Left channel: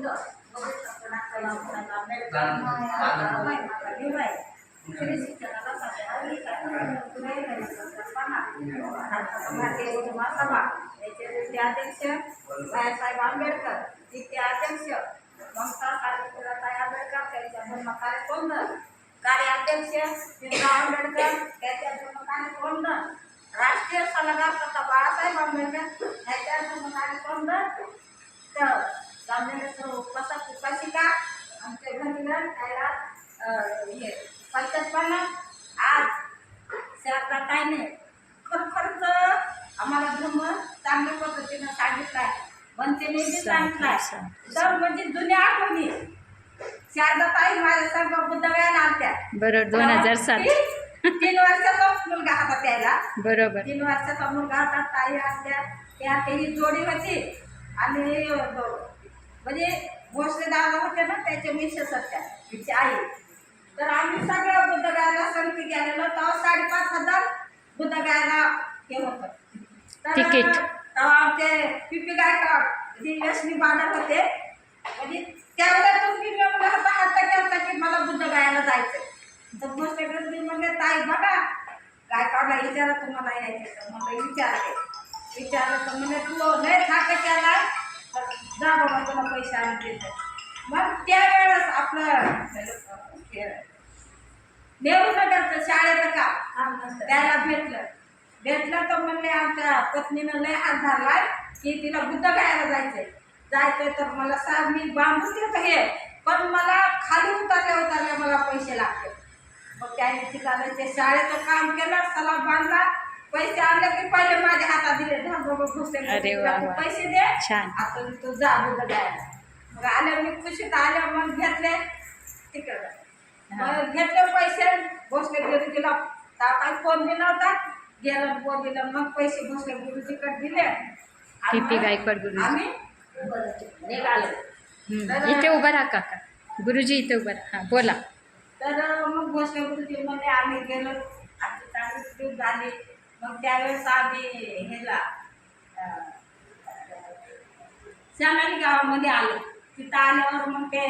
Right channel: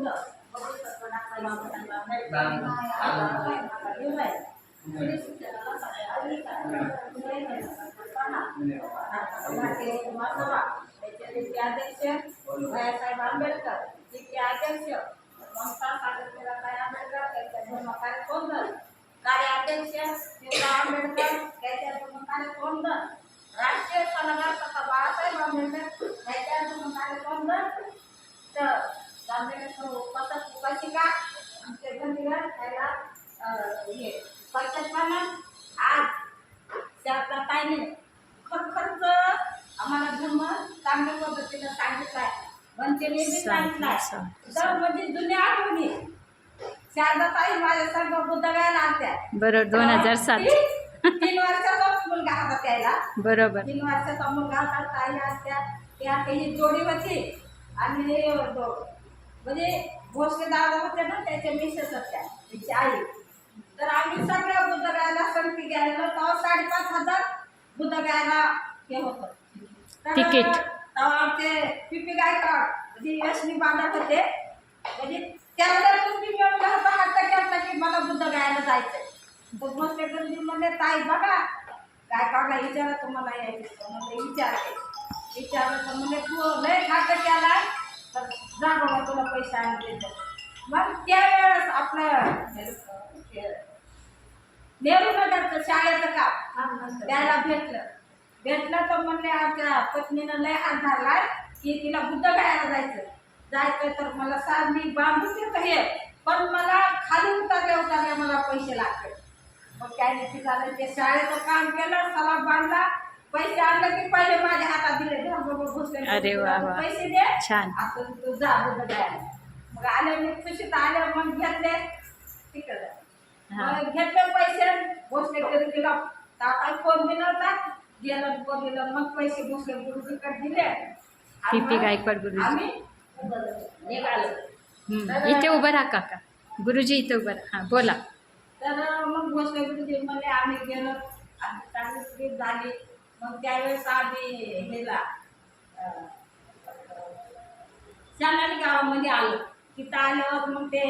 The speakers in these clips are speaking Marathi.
भारतीय महासभा याचे अध्यक्ष बाळासाहेब आंबेडकर, तिचे अध्यक्ष ममता सावित्रीबाई आंबेडकर, त्यांच्या धर्मकार्य कोंदण कार्याध्यक्ष भीमराव आंबेडकर, त्याच्या धर्मकार्य कोंदण राष्ट्रीय सल्लागार तथा बाळासाहेब आंबेडकर यांच्या धर्मकार्य कोंदण तर गांधीने सर्व उपासक उपासिका आमचे घरीवर त्याला हे पंचायतपणा आज शारदाताईने खरखरच आम्हाला धर्म चांगल्या पद्धतीनं सांगितलाय, वंचने बी सांगितलाय. तर म्हणजे जुन्या आठवणी शारदाताई माझ्या संग बुद्धगयाला आलत्या. बरोबर 2007 3 वर्षाचा मुलगा होता त्याला. बरोबर 3 वर्षाचा मुलगा होता. ताई आलत्या. त्या ही जोडी होती आणि म्हणजे भोसले दादा होते ना त्याच्या मिसेस होत्या तिची आई. तर आम्ही सगळ्या बुद्धगयाला संगती गेलेलो. तेव्हा 5,500 बुद्धगयाला हे होतं तिकीट. तेव्हा आमचे पिपी गायकवाड जी यशनी बांधत होते म्हणजे त्यावेळेला तुम्ही म्हणलं होता हट्ट केला की मला बुद्धगयाला जायचं. तर भोसले गर्दी म्हणले ताई बघा गायकवाडला विचारा तुम्हाला यायचे. तर मला विचारलं तर म्हणजे तू लय हट्ट केला तर जा बाबा तुला पैसे आणि देतात. मग त्यावेळेस आपलं नेहरूनगरचं शाळेचं काम त्याला भेटलं तर म्हणले आमच्या पत्नीनं लय हात धरलाय की तिला बुद्धगयाला जायचं तर मला साहेब मी बांधून देतो हे पण मला खाली उतरल्या मला पैसे लागतात. मग त्याने तिथं ते शाळेचं काम केलं, सलाम बांधला, पैसे आणले की पहिले माझ्या हातात दिले. अरे वा वा. पैसे दे छान. आता तू जा बुद्धगयाला. मग आले मी खुशीत आले. मग घेतले तिकडं घेतले पैसे भोसले गुरुजीला काय फोन बी नव्हता गेलं बोललेलं. मग पैसे भोसले गुरुजीकडे दिले. पीपी गायकवाड गुरुजी आम्ही निघालो. इथे उभं राहा काका. गुरुजी इथे उभं राहा. हां बोला. तर मग भोसले गुरुजी म्हणजे आम्ही गेलो. आमची चांगली ट्रीप झाली. मग त्यावेळेस आम्ही हेला चांदानी गावामध्ये आलो. तिथं आल्यावर मग ते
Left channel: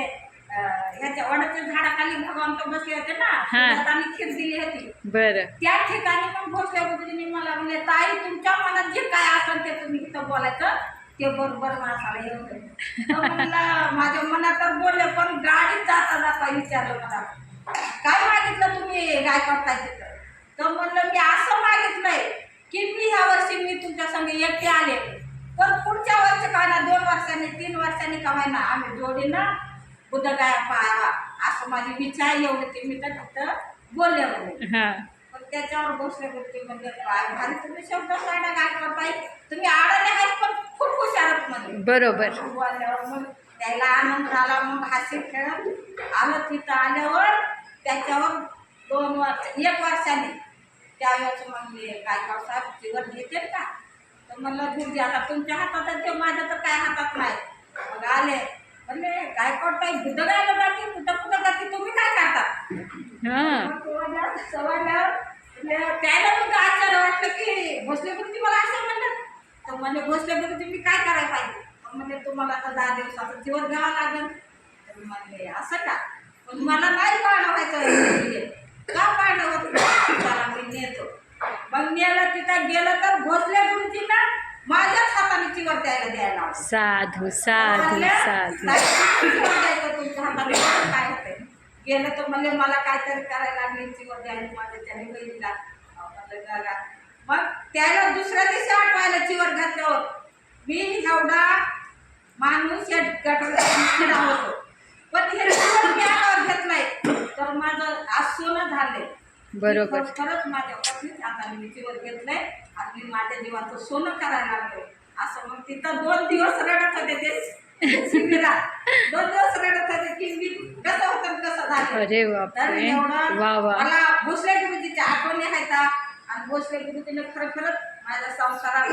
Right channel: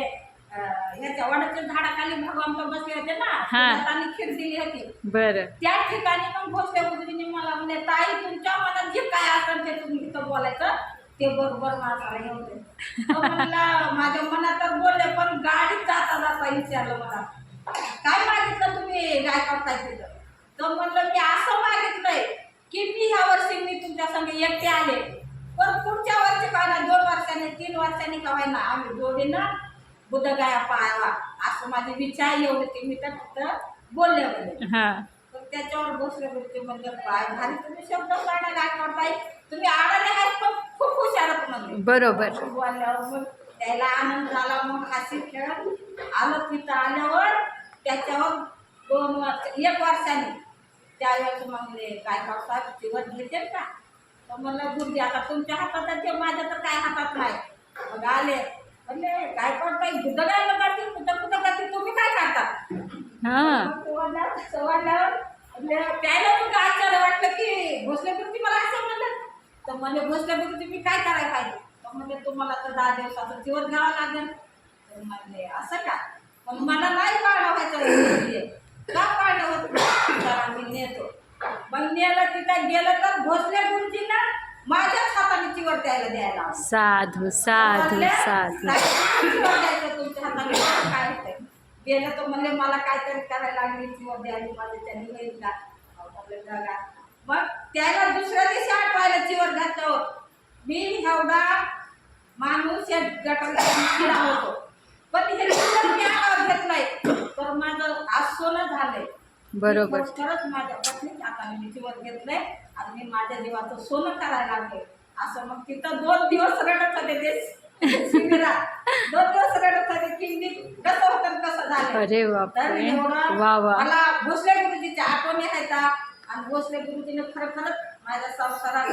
ह्याच्या वडाच्या झाडाखाली भगवंत बसले होते ना, त्यांनी खीर दिली होती. बरं त्या ठिकाणी मग भोसले गुरुजींनी मला म्हणले ताई तुमच्या मनात जे काय असेल ते तुम्ही इथं बोलायचं ते बरोबर माणसाला येऊन दे. म्हणलं माझ्या मनात तर बोलले पण गाडीत जाता विचारलं मला काय मागितलं तुम्ही गायकवाड तिथं. तर म्हणलं मी असं मागितलंय की मी ह्या वर्षी मी तुमच्या संग एकटे आले पण पुढच्या वर्षी काय ना 2 वर्षांनी 3 वर्षांनी का व्हायना आम्ही जोडीनं बुद्धगया पाहावा असं माझी इच्छा आहे. एवढी ते मी तर तिथं बोलले म्हणे. पण त्याच्यावर भोसले गुरुजी म्हणजे काय भारी तुम्ही शब्द काढा गायकवाड ताई तुम्ही आडाले आहेत पण खूप हुशार म्हणजे. बरोबर बोलल्यावर मग त्याला आनंद झाला. मग हसी खेळत आलं. तिथं आल्यावर त्याच्यावर 1 वर्षाने त्यावेळेस म्हणले गायकवाड साहेब जीवन घेतील का. तर म्हणलं गुरुजी आता तुमच्या हातात आहे ते माझ्या तर काय हातात नाही. मग आले म्हणले गायकवाड ताई बुद्धगयाला जाते कुठं जाते तुम्ही काय करता. सवाल्यावर त्याला मग आश्चर्य वाटलं की भोसले गुरुजी मला असं म्हणलं. तर म्हणजे भोसले गुरुजी मी काय करायला पाहिजे. तर म्हणजे तुम्हाला तर 10 दिवसाचं जीवन घ्यावं लागेल. तर म्हणले असं का पण मला नाही पाळणं व्हायचं का पाळणं होत. तर आम्ही नेतो. मग नेलं तिथं गेलं तर भोसले गुरुजीला माझ्याच हाताने चिवर द्यायला साधू साधू साधू द्यायचं तुमच्या हाताने काय होतंय. गेलं तर म्हणले मला काहीतरी करायला लागली चिवर द्यायला माझ्या त्याने बहिणीला. म्हणलं गा मग त्याला दुसऱ्या दिवशी आठवायला चिवर घातल्यावर मी एवढा माणूस या गटाला होतो पण हे चिवर मी हातावर घेतलाय तर माझं आज सोनं झालंय. बरोबर खरंच माझ्या पत्नीच हाताने मी चिवर घेतलंय आणि मी माझ्या जीवाचं सोनं करायला लागले असं. मग तिथं 2 दिवस रडत होते ते शिबिरात. 2 दिवस रडत होते की मी कसं होतं कसं झालं. अरे तर एवढं वा वा. मला भोसले गुरुजीच्या आठवणी आहेत आणि भोसले गुरुजीने खरंच माझ्या संसारात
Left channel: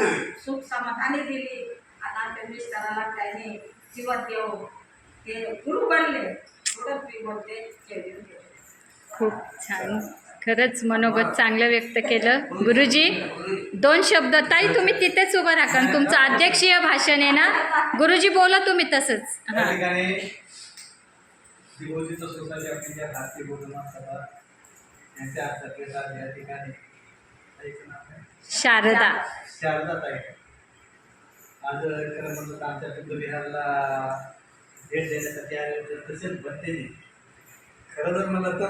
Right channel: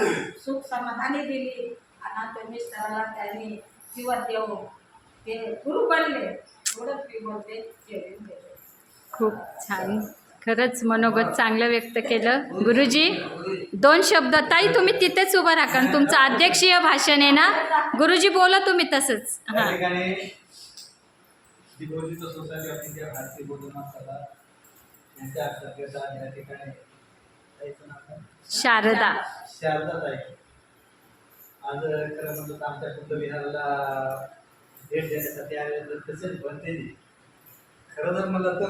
सुख समाधानी दिली आणि आमच्या मिस्टराला त्यांनी जीवन देऊ ते गुरु बनले. एवढंच मी बोलते. खूप छान खरंच मनोगत चांगलं व्यक्त केलं. गुरुजी 2 शब्द. ताई तुम्ही तिथेच उभं राहा कारण तुमचं अध्यक्षीय भाषण आहे ना. गुरुजी बोला तुम्ही तसंच. त्या हां ठिकाणी दिगोजीचं सोसायटी आपली ज्या भारतीय बौद्ध सभा यांच्या अध्यक्षता या ठिकाणी ताईचं नाव काय? शारदा. शारदा ताई. आज खरं म्हणलं तर आमच्या बुद्धविहारला भेट देण्यासाठी आले तर तसेच बनते. खरं जर म्हणलं तर